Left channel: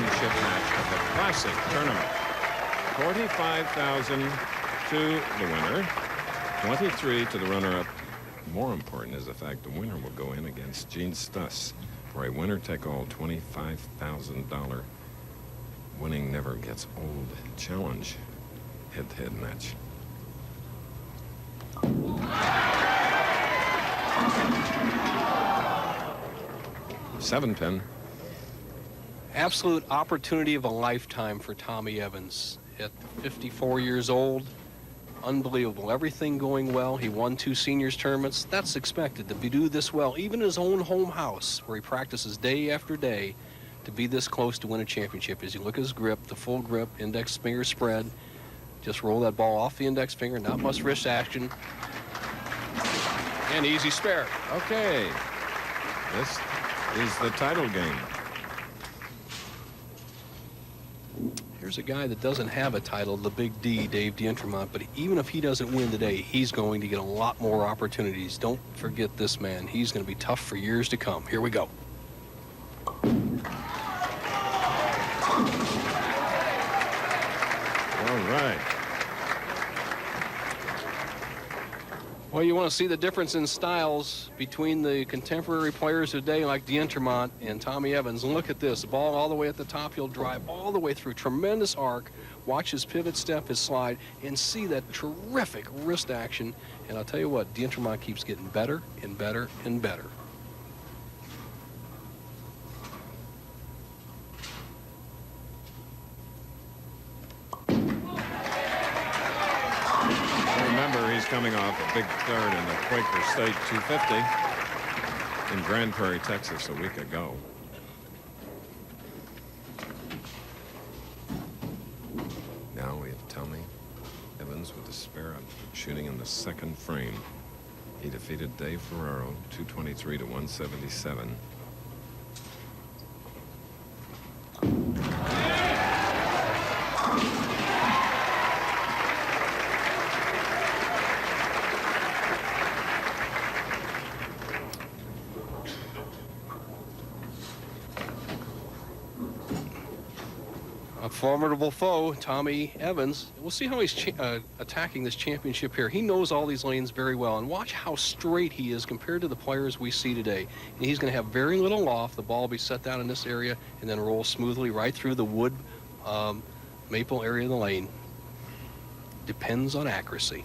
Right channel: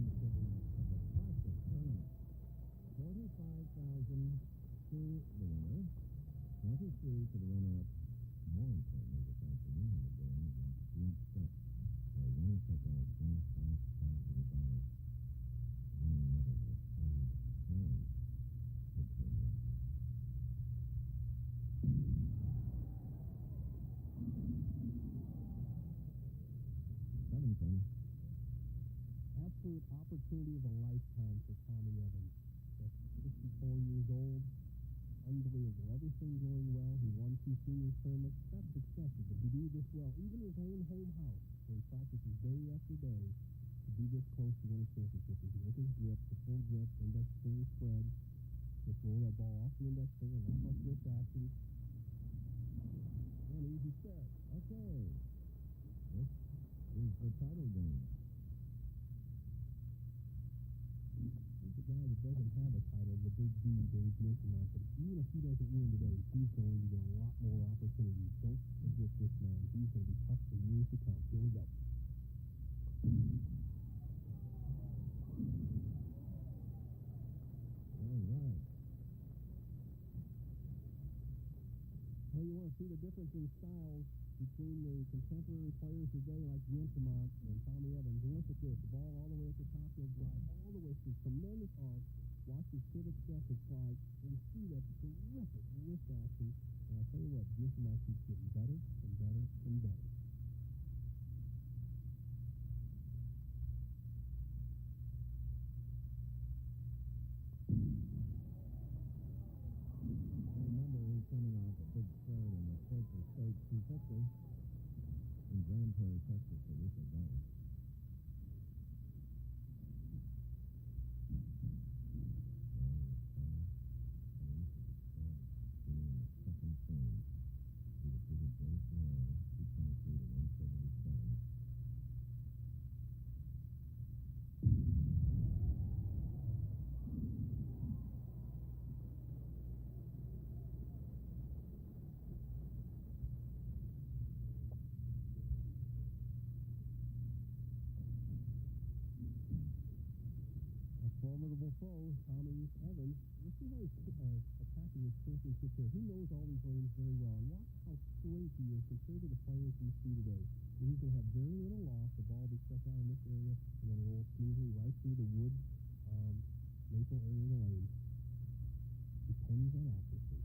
championship match of the Classic tournament. 45,000 to the winner, 23 to the runner-up. More important is the fact the winner will go in against Gene Stuss for a winner-take-all $25,000 winning never gets old challenge head-to-head match. Seven pin. Absolute opportunity of a lifetime for Tommy Evans at 54 years old. Unbelievable. Everything going well. He won 2 seniors tournaments. That's expected to do this well, even in his own home house where he practices day after day, to be this close to win a championship. As you look at his grip, the full grip, index finger spread. Just roll that ball off the index finger, not much wrist action. And easy spare. Okay. This is the title game. Here's a guy that doesn't have a title, the Big D, Dave Dientremont, but even if he doesn't win today, he's going to get a lot more opportunities. Don't forget this man. He's going to be tough for years to come. Here we go. All right. Well, you want to see the difference in styles between the contemporary players today like Dientremont and Tommy Evans. And look at this, the ball all the way at the top. He'll drive all the way through. Tremendous arc. Watch his pivot step, his slide, and see that terrific wrist action. And I'll tell you what, Dientremont keeps getting better and better and better. Coming off a big third in the Quaker State 250 in Grand Prairie, Texas a week ago. Now we have Tommy Evans with a spare up, shooting in the second frame. He defeated Dave Ferraro 223 to 177. Formidable foe, Tommy Evans. We'll see how he's attacking this championship here. He knows all these lanes very well, and watch how straight he is compared to the players we see today. And he's going to have very little loft. The ball will be set down in this area and then roll smoothly right through the wood maple area of the lane. Depends on accuracy.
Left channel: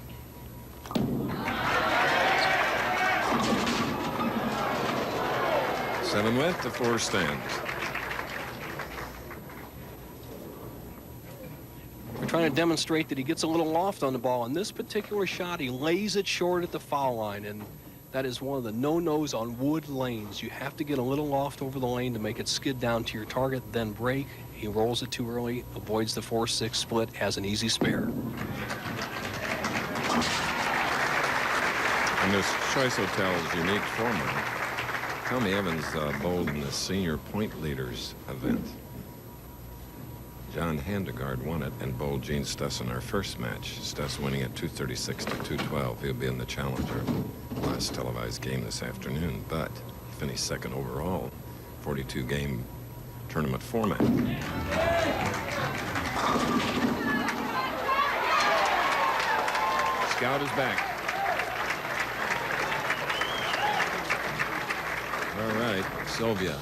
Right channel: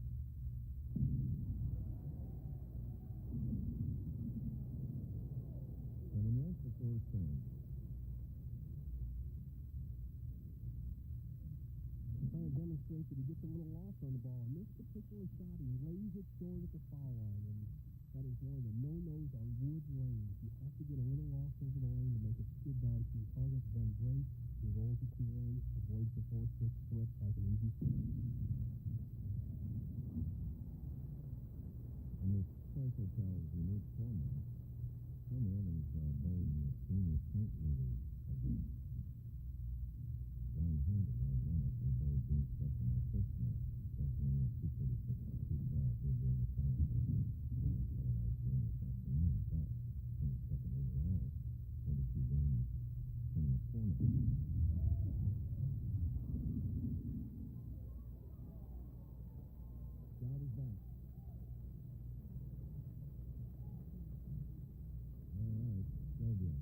Seven with the 4 stands. We're trying to demonstrate that he gets a little loft on the ball. On this particular shot, he lays it short at the foul line, and that is one of the no-nos on wood lanes. You have to get a little loft over the lane to make it skid down to your target, then break. He rolls it too early, avoids the 4-6 split, has an easy spare. In this Choice Hotels unique format, Tommy Evans bowled in the senior point leaders event. John Handegard won it and bowled Gene Stuss in our first match. Stuss winning at 236 to 212. He'll be in the Challenger last televised game this afternoon, but he finished second overall, 42-game tournament format. Scout is back. All right, Sylvia.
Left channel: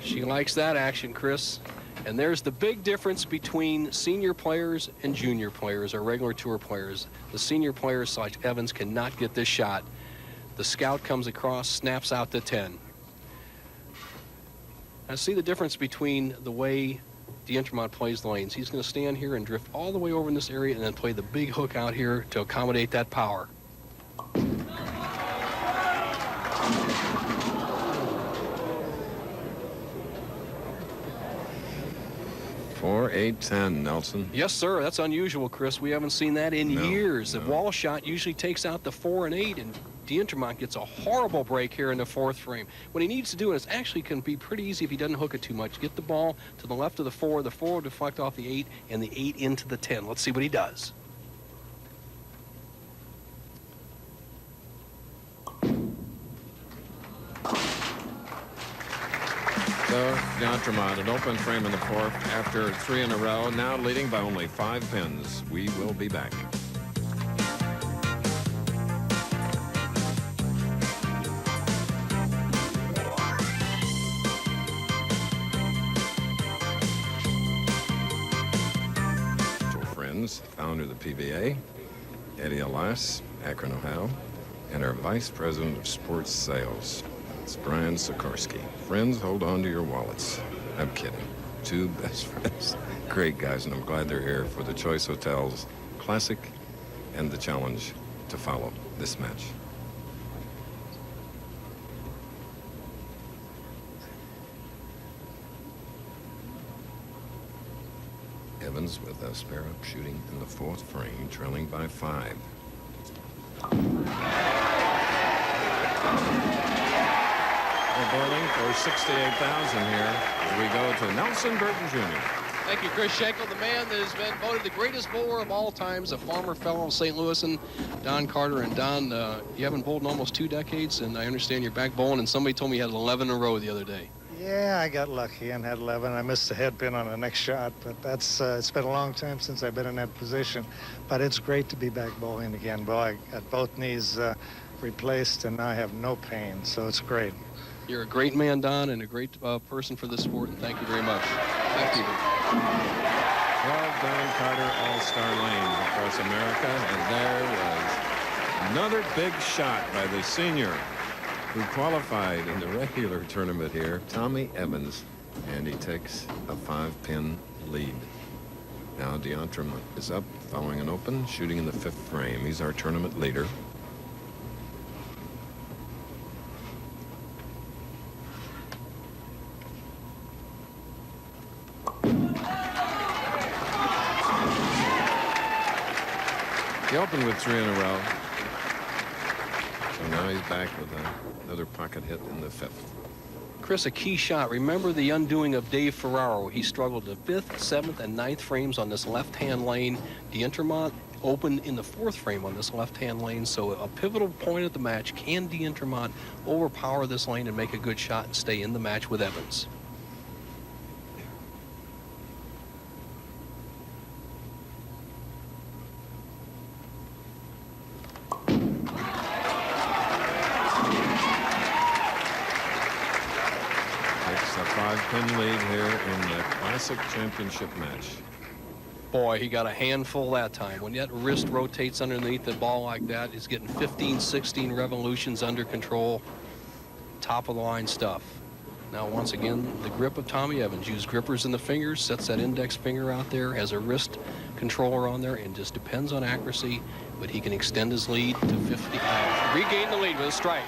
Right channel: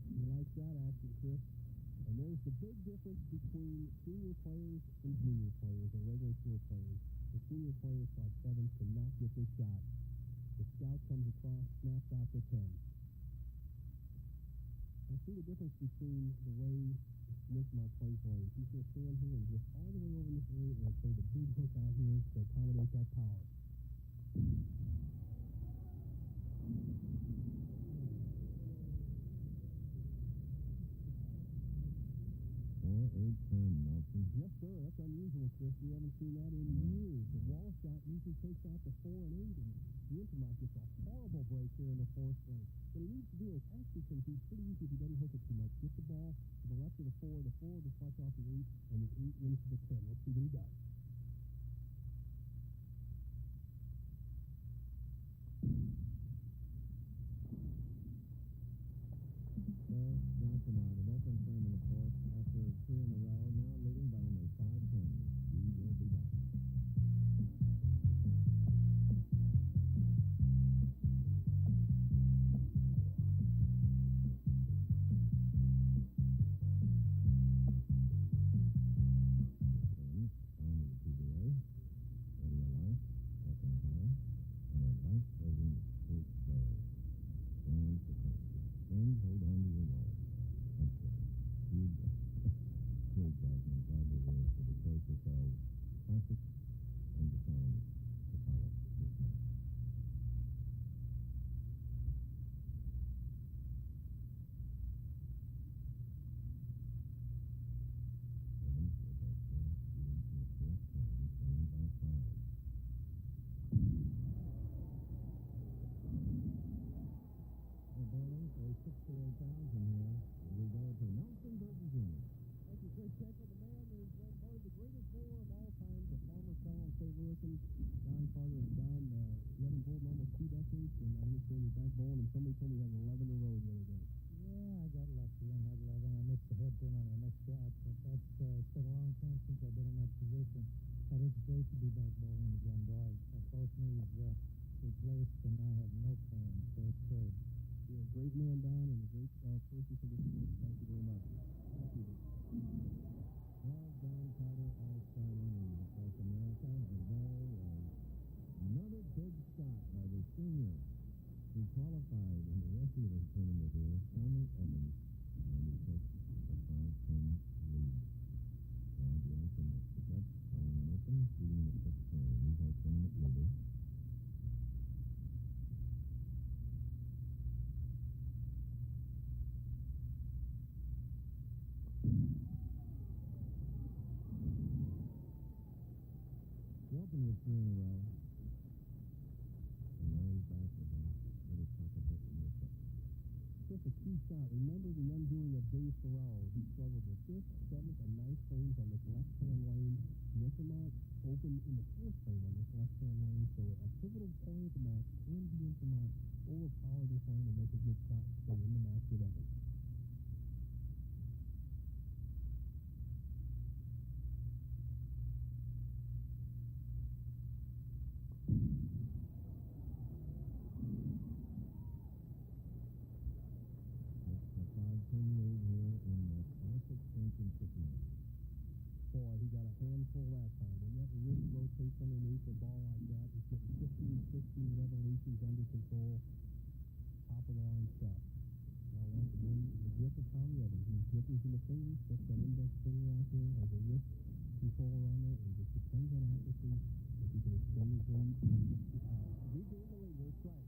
She likes that action, Chris. And there's the big difference between senior players and junior players, or regular tour players. The senior players like Evans cannot get this shot. The scout comes across, snaps out to 10. Now see the difference between the way Dientremont plays the lanes. He's going to stand here and drift all the way over in this area and then play the big hook out here to accommodate that power. 4-8-10, Nelson. Yes, sir. That's unusual, Chris. We haven't seen that in years. No. The wall shot usually takes out the 4 and 8, and Dientremont gets a horrible break here in the 4th frame. What he needs to do, and it actually can be pretty easy if he doesn't hook it too much, get the ball to the left of the 4 will deflect off the 8, and the 8 into the 10. Let's see what he does. So Dientremont, an open frame in the fourth after 3 in a row, now leading by only 5 pins. We will be back. Friends, founder of the PBA, Eddie Elias, Akron, Ohio, and our Vice President of Sports Sales, it's Brian Sikorsky. Friends, hold on to your wallets. I'm kidding. 2 best friends. Great guys, and I'm glad they're here for the Choice Hotels Classic and the challenge to follow this match. Evans with a spare up shooting in the fourth frame, trailing by 5. We're bowling for 68,000 here as we go to Nelson Burton Jr. Thank you, Chris Schenkel, the man that has been voted the greatest bowler of all times, a former fellow of St. Louis, and Don Carter. And Don, you haven't bowled in almost 2 decades, and I understand you're back bowling, and somebody told me you had 11 in a row the other day. Yeah, I got lucky and had 11. I missed the head pin on the next shot, but that's it's been a long time since I've been in that position. But it's great to be back bowling again. Boy, I got both knees replaced, and now I have no pain, so it's great. You're a great man, Don, and a great person for the sport, and thank you very much. Thank you. 12 Don Carter All-Star Lanes across America, and there was another big shot by the senior who qualified in the regular tournament here, Tommy Evans, and he takes a 5-pin lead. Now Dientremont is up following an open, shooting in the 5th frame. He's our tournament leader. He opened with 3 in a row. So now he's back with another pocket hit in the 5th. Chris, a key shot. Remember the undoing of Dave Ferraro. He struggled the 5th, 7th, and 9th frames on this left-hand lane. Dientremont opened in the 4th frame on this left-hand lane, so a pivotal point of the match. Can Dientremont overpower this lane and make a good shot and stay in the match with Evans? Takes a 5-pin lead here in the Classic Championship match. Boy, he got a handful that time. When that wrist rotates underneath the ball like that, he's getting 15, 16 revolutions under control. Top of the line stuff. Now, once again, the grip of Tommy Evans. Use grippers in the fingers, sets that index finger out there, has a wrist controller on there, and just depends on accuracy, but he can extend his lead to 50. Regain the lead with a strike.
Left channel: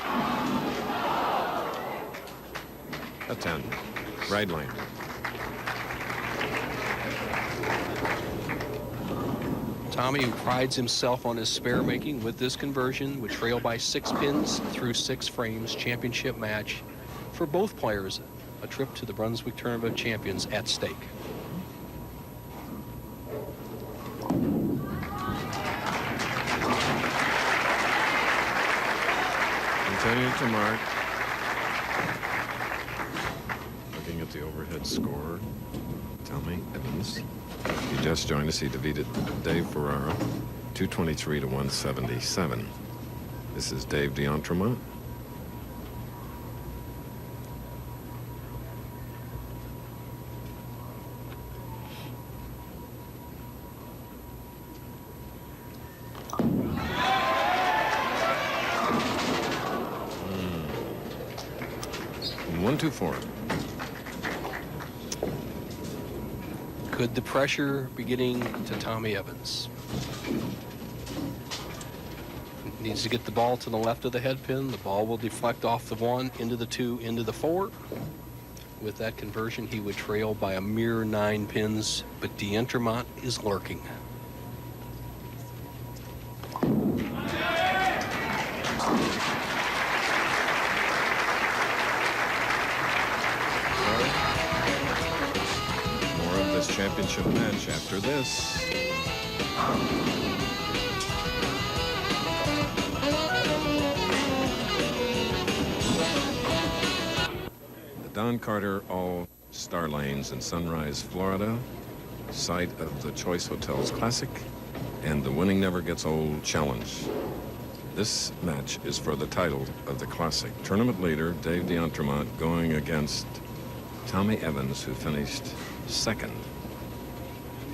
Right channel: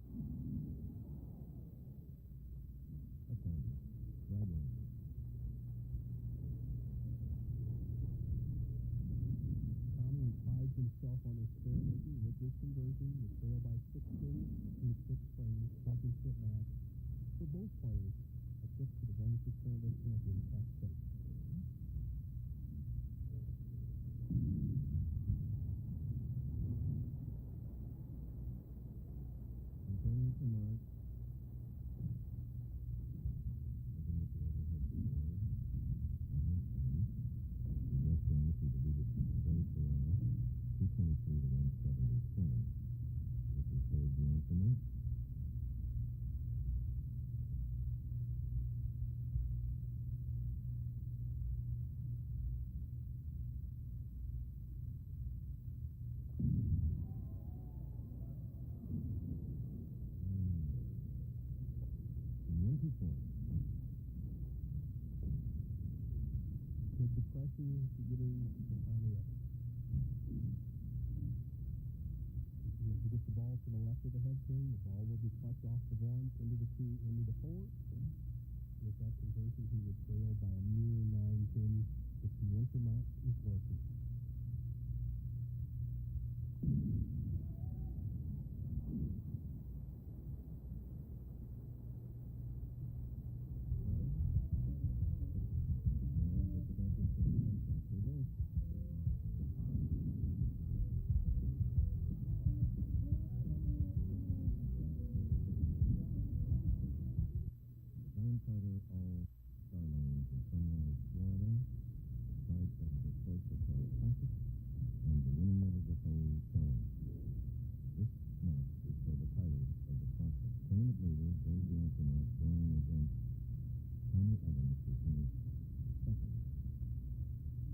A 10. Right lane. Tommy, who prides himself on his spare making with this conversion, would trail by 6 pins through 6 frames. Championship match for both players. A trip to the Brunswick Tournament of Champions at stake. Continue to mark. Looking at the overhead score, Tommy Evans. He just joined us. He defeated Dave Ferraro, 223 to 177. This is Dave Dientremont. One, two, four. Could the pressure be getting to Tommy Evans? Needs to get the ball to the left of the head pin. The ball will deflect off the 1, into the 2, into the 4. With that conversion, he would trail by a mere 9 pins, but Dientremont is lurking. More of this championship match after this. The Don Carter All-Star Lanes in Sunrise, Florida, site of the Choice Hotels Classic and the Winning Never Gets Old Challenge. This match is for the title of the Classic. Tournament leader Dave Dientremont going against Tommy Evans, who finished second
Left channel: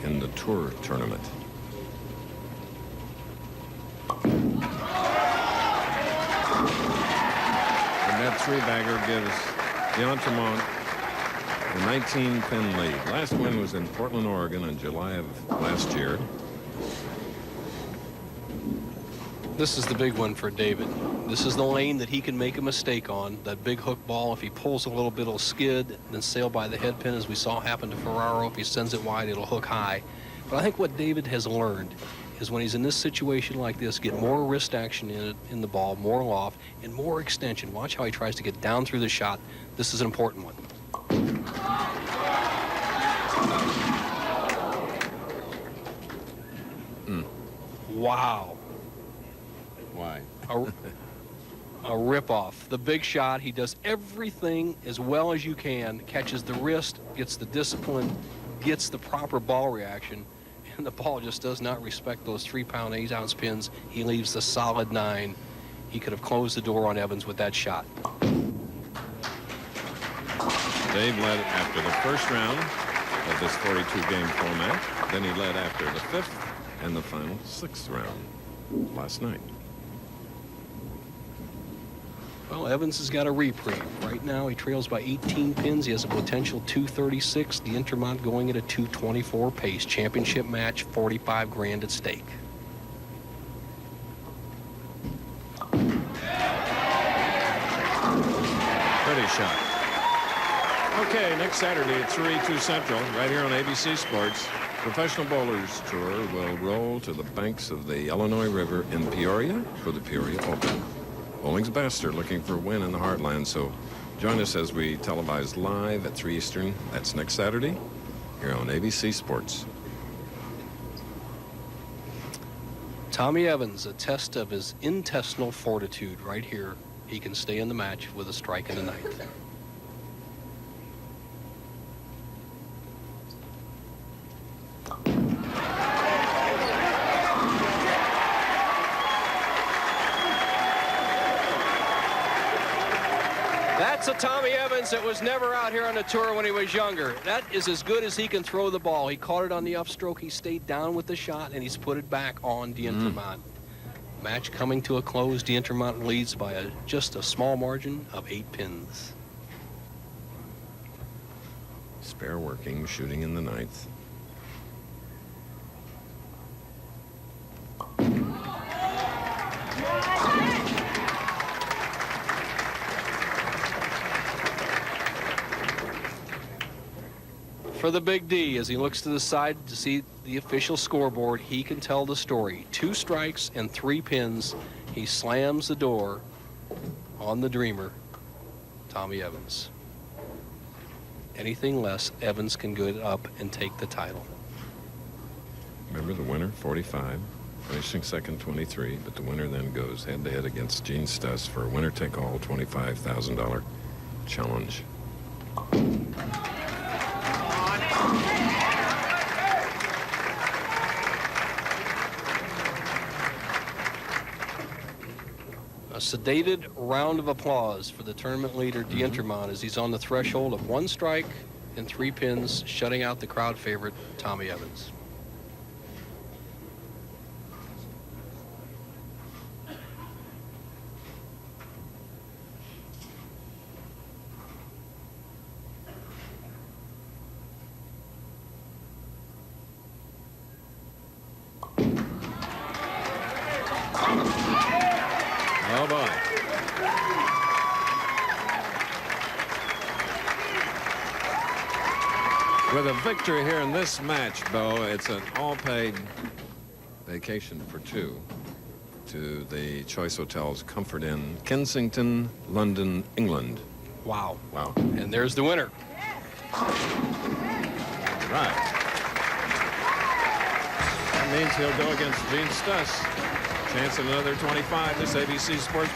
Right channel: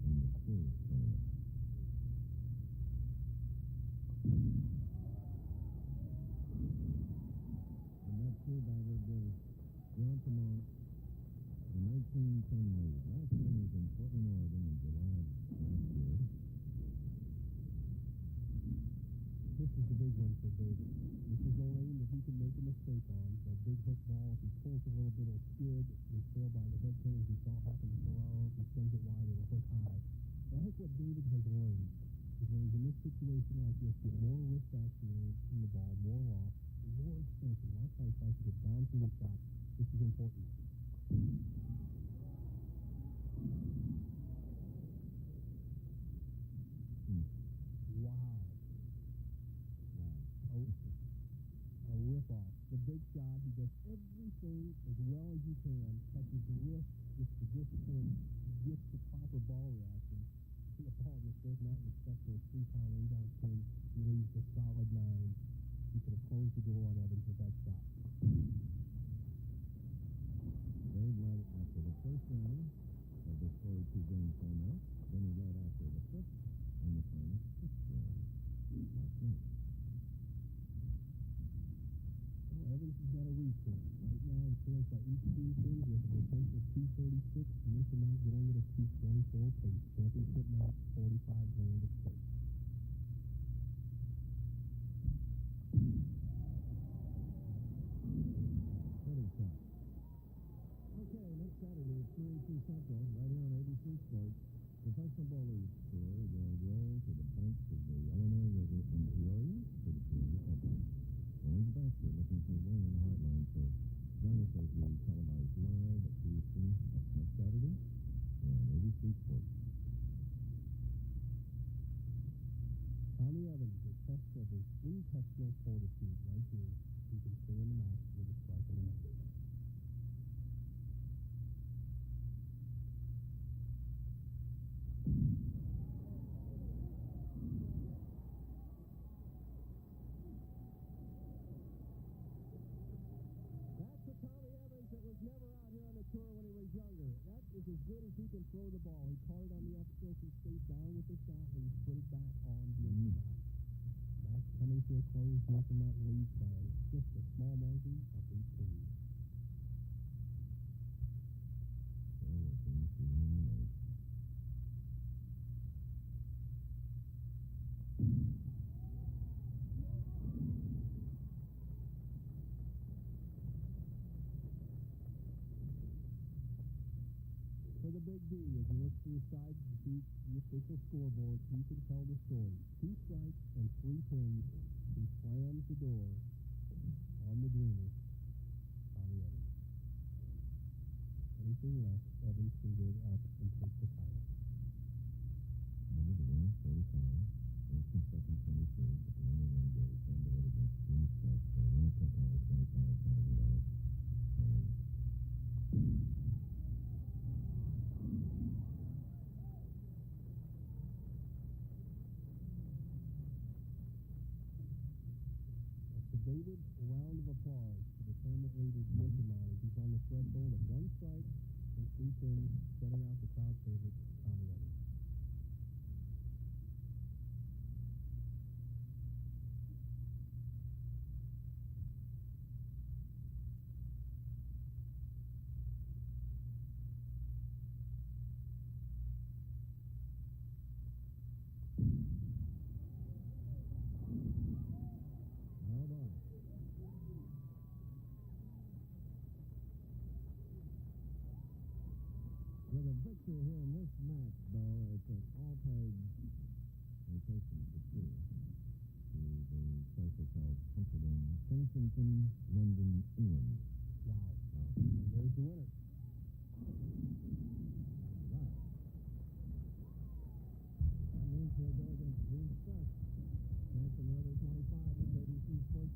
in the Tour tournament. The net three-bagger gives Dientremont a 19-pin lead. Last win was in Portland, Oregon in July of last year. This is the big one for David. This is the lane that he can make a mistake on. That big hook ball, if he pulls a little bit, it'll skid, then sail by the head pin, as we saw happen to Ferraro. If he sends it wide, it'll hook high. But I think what David has learned is when he's in this situation like this, get more wrist action in the ball, more loft, and more extension. Watch how he tries to get down through the shot. This is an important one. Wow. Why? A rip-off. The big shot, he does everything as well as you can, catches the wrist, gets the discipline, gets the proper ball reaction, and the ball just does not respect those 3-pound, 8-ounce pins. He leaves the solid 9. He could have closed the door on Evans with that shot. Dave led after the first round of this 42-game format. Then he led after the 5th and the final 6th round last night. Well, Evans has got a reprieve. Right now, he trails by 18 pins. He has a potential 236. Dientremont going at a 224 pace. Championship match, 45 grand at stake. Pretty shot. Okay, next Saturday at 3-2 Central, right here on ABC Sports, Professional Bowlers Tour will roll to the banks of the Illinois River in Peoria for the Peoria Open. Bowling's best are looking for a win in the heartland, so join us as we televise live at 3 Eastern. That's next Saturday here on ABC Sports. Tommy Evans, a test of his intestinal fortitude right here. He can stay in the match with a strike in the 9th. That's a Tommy Evans that was never out here on the tour when he was younger. That is as good as he can throw the ball. He caught it on the upstroke. He stayed down with the shot, and he's put it back on Dientremont. Match coming to a close. Dientremont leads by just a small margin of 8 pins. Spare working, shooting in the 9th. For the Big D, as he looks to the side to see the official scoreboard, he can tell the story. 2 strikes and 3 pins. He slams the door on the dreamer, Tommy Evans. Anything less, Evans can go up and take the title. Remember the winner, 45, finishing second, 23, but the winner then goes head-to-head against Gene Stuss for a winner-take-all $25,000 challenge. A sedated round of applause for the tournament leader, Dientremont, as he's on the threshold of 1 strike and 3 pins, shutting out the crowd favorite, Tommy Evans. Oh, boy. With a victory here in this match, Bo, it's an all-paid vacation for 2 to the Choice Hotels Comfort Inn, Kensington, London, England. Wow. Wow. And there's the winner. Right. That means he'll go against Gene Stuss. Chance at another 25. This ABC Sports